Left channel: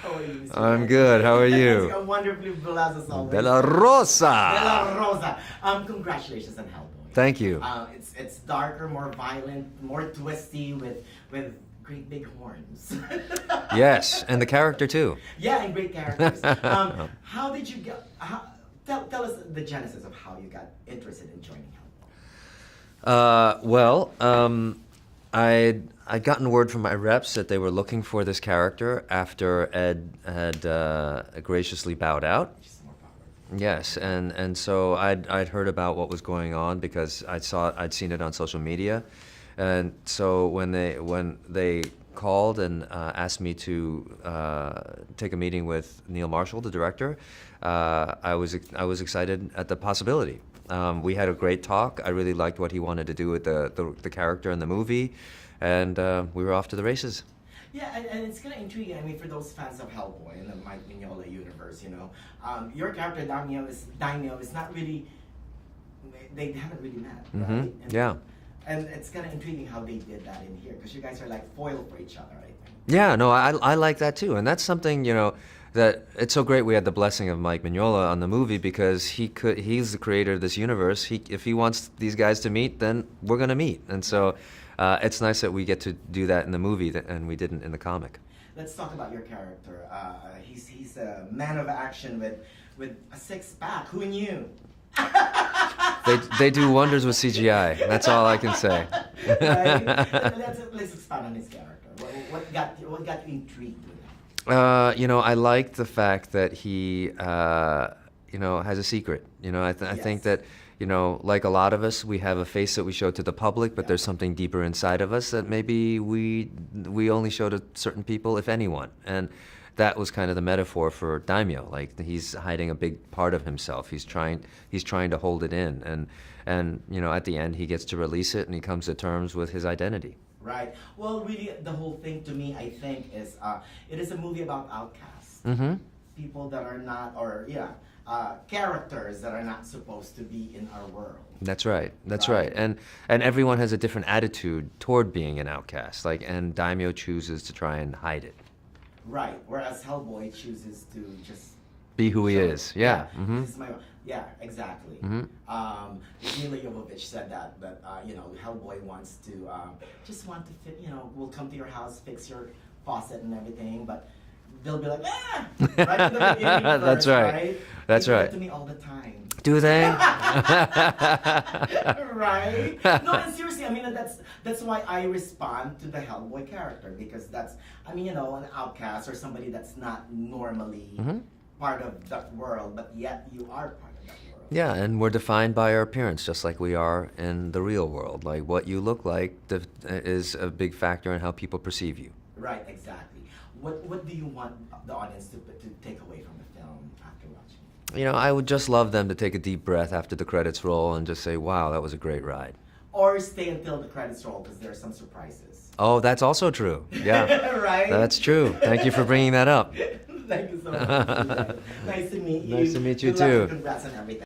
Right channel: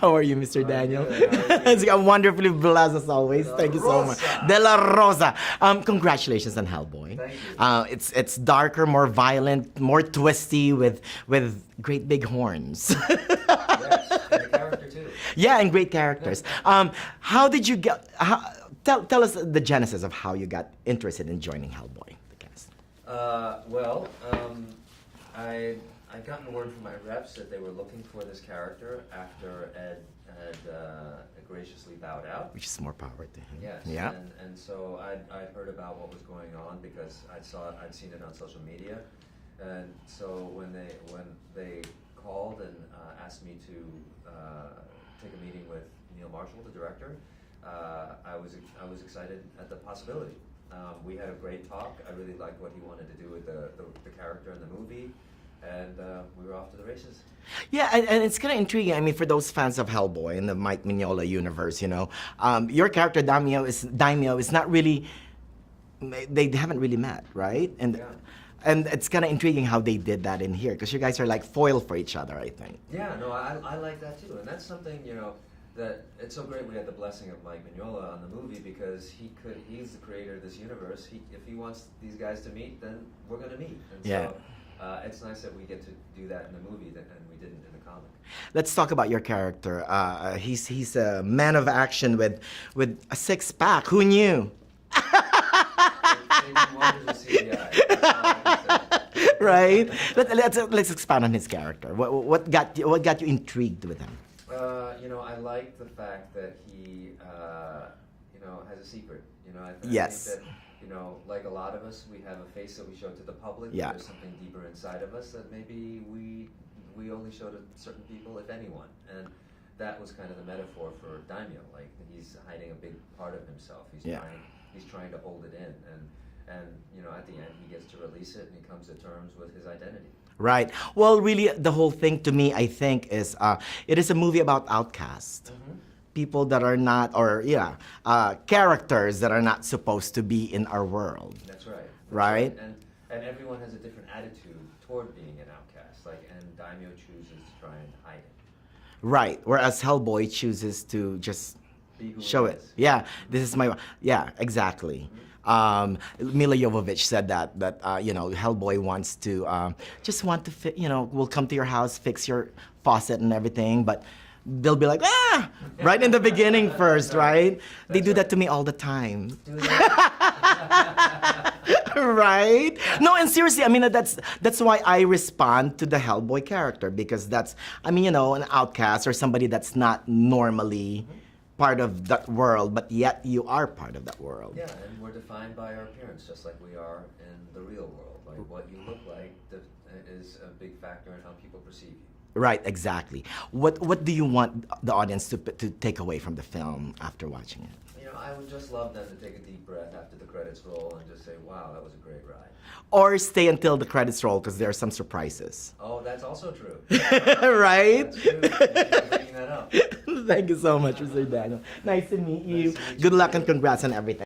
How are you, Mr. I'm Daniel? good. How are you? It's wonderfully blessed as always. De la Thank you so much. Rosa. De La Rosa. Congratulations on Hellboy. Thank you. It's darker, more violent, more twisty with great big horns. Yes, and the character too. Yeah, and great characters. How did you get? Tell us the genesis of how you got interested in joining Hellboy. I'd gotten word from my reps that they were looking for this character after Ed had graciously bowed out. Which is more power to him. Yes, Yeah. and so I'd heard about what was going on because I'd seen it on social media, and so when they called and asked me to take a meeting with Neil Marshall, the director, I was excited at the possibility. We had a great talk. I really liked what he wanted to do with the character in the movie, and we were off to the races. Yeah, and it's kind of intriguing. I mean, for those fans of Hellboy in the Mike Mignola universe, your character Daimio is not really. They haven't really met, right? Mm-hmm. Yeah. And it's kind of intriguing how they did that in here, because you guys are like foil for each other, I think. Yeah, no, I like that too, and that's something that it's so great we had the blessing of Mike Mignola on the movie because he's the creator of this universe. If he wants these guys to meet, then we're gonna meet, and so. It's nice that we get to do that in the movie, and we didn't in the comic. Let's talk about your character. He's a man of action with a six-pack. Who knew? They do wonders with CGI. That's all I can say. Right? Let's expand on his character. What got you intrigued with him? I like the fact that he has a secret. I think that. Like a lot of us, we have a face that we show to the public, but there's something deeper inside of us that maybe we only show to certain people, if anyone. And that was kind of the metaphor for Daimio. Like he's hiding a big part of himself. He's trying to hold it in, and at the end he gets to release it, and he comes to terms with his identity. Right. Well, really, the whole thing to me, I think, is it is a movie about outcasts. Mm-hmm. People that are not, characters that are not supposed to be in our world. That's right. That's right. And everyone has a different attitude toward being an outcast. And Daimio chooses to try and hide it. Right. Whereas Hellboy chooses to just be who he is. Yeah. Mm-hmm. This is my. Yeah. Exactly. Mm-hmm. Mila Jovovich said that Hellboy wants to will come to your house, fix your faucet and everything, but. They'll be like, right in the beginning first, right? That's they do right. that to me all the time. Do they? Right? No, and seriously, I mean, that's why I respond to the Hellboy character, because that's, an outcast or somebody that's not normally part of that world, but yet you are part of that world. Yeah, and we're defined by our appearance, just like we are in the real world. Like what you look like is a big factor in how people perceive you. Right, exactly. What do you want the audience to take away from the film after watching it? I would just love them to take a deep breath after the credits roll and just say, wow, that was a great ride. Or stay until the credits roll, because there are some surprises. Oh, that's also true. Yeah. Right? That's true. Thank you for bringing that up. Thank you so much, Mr. Daniel. Nice to meet you. Nice to meet you Good luck too. and congrats on everything.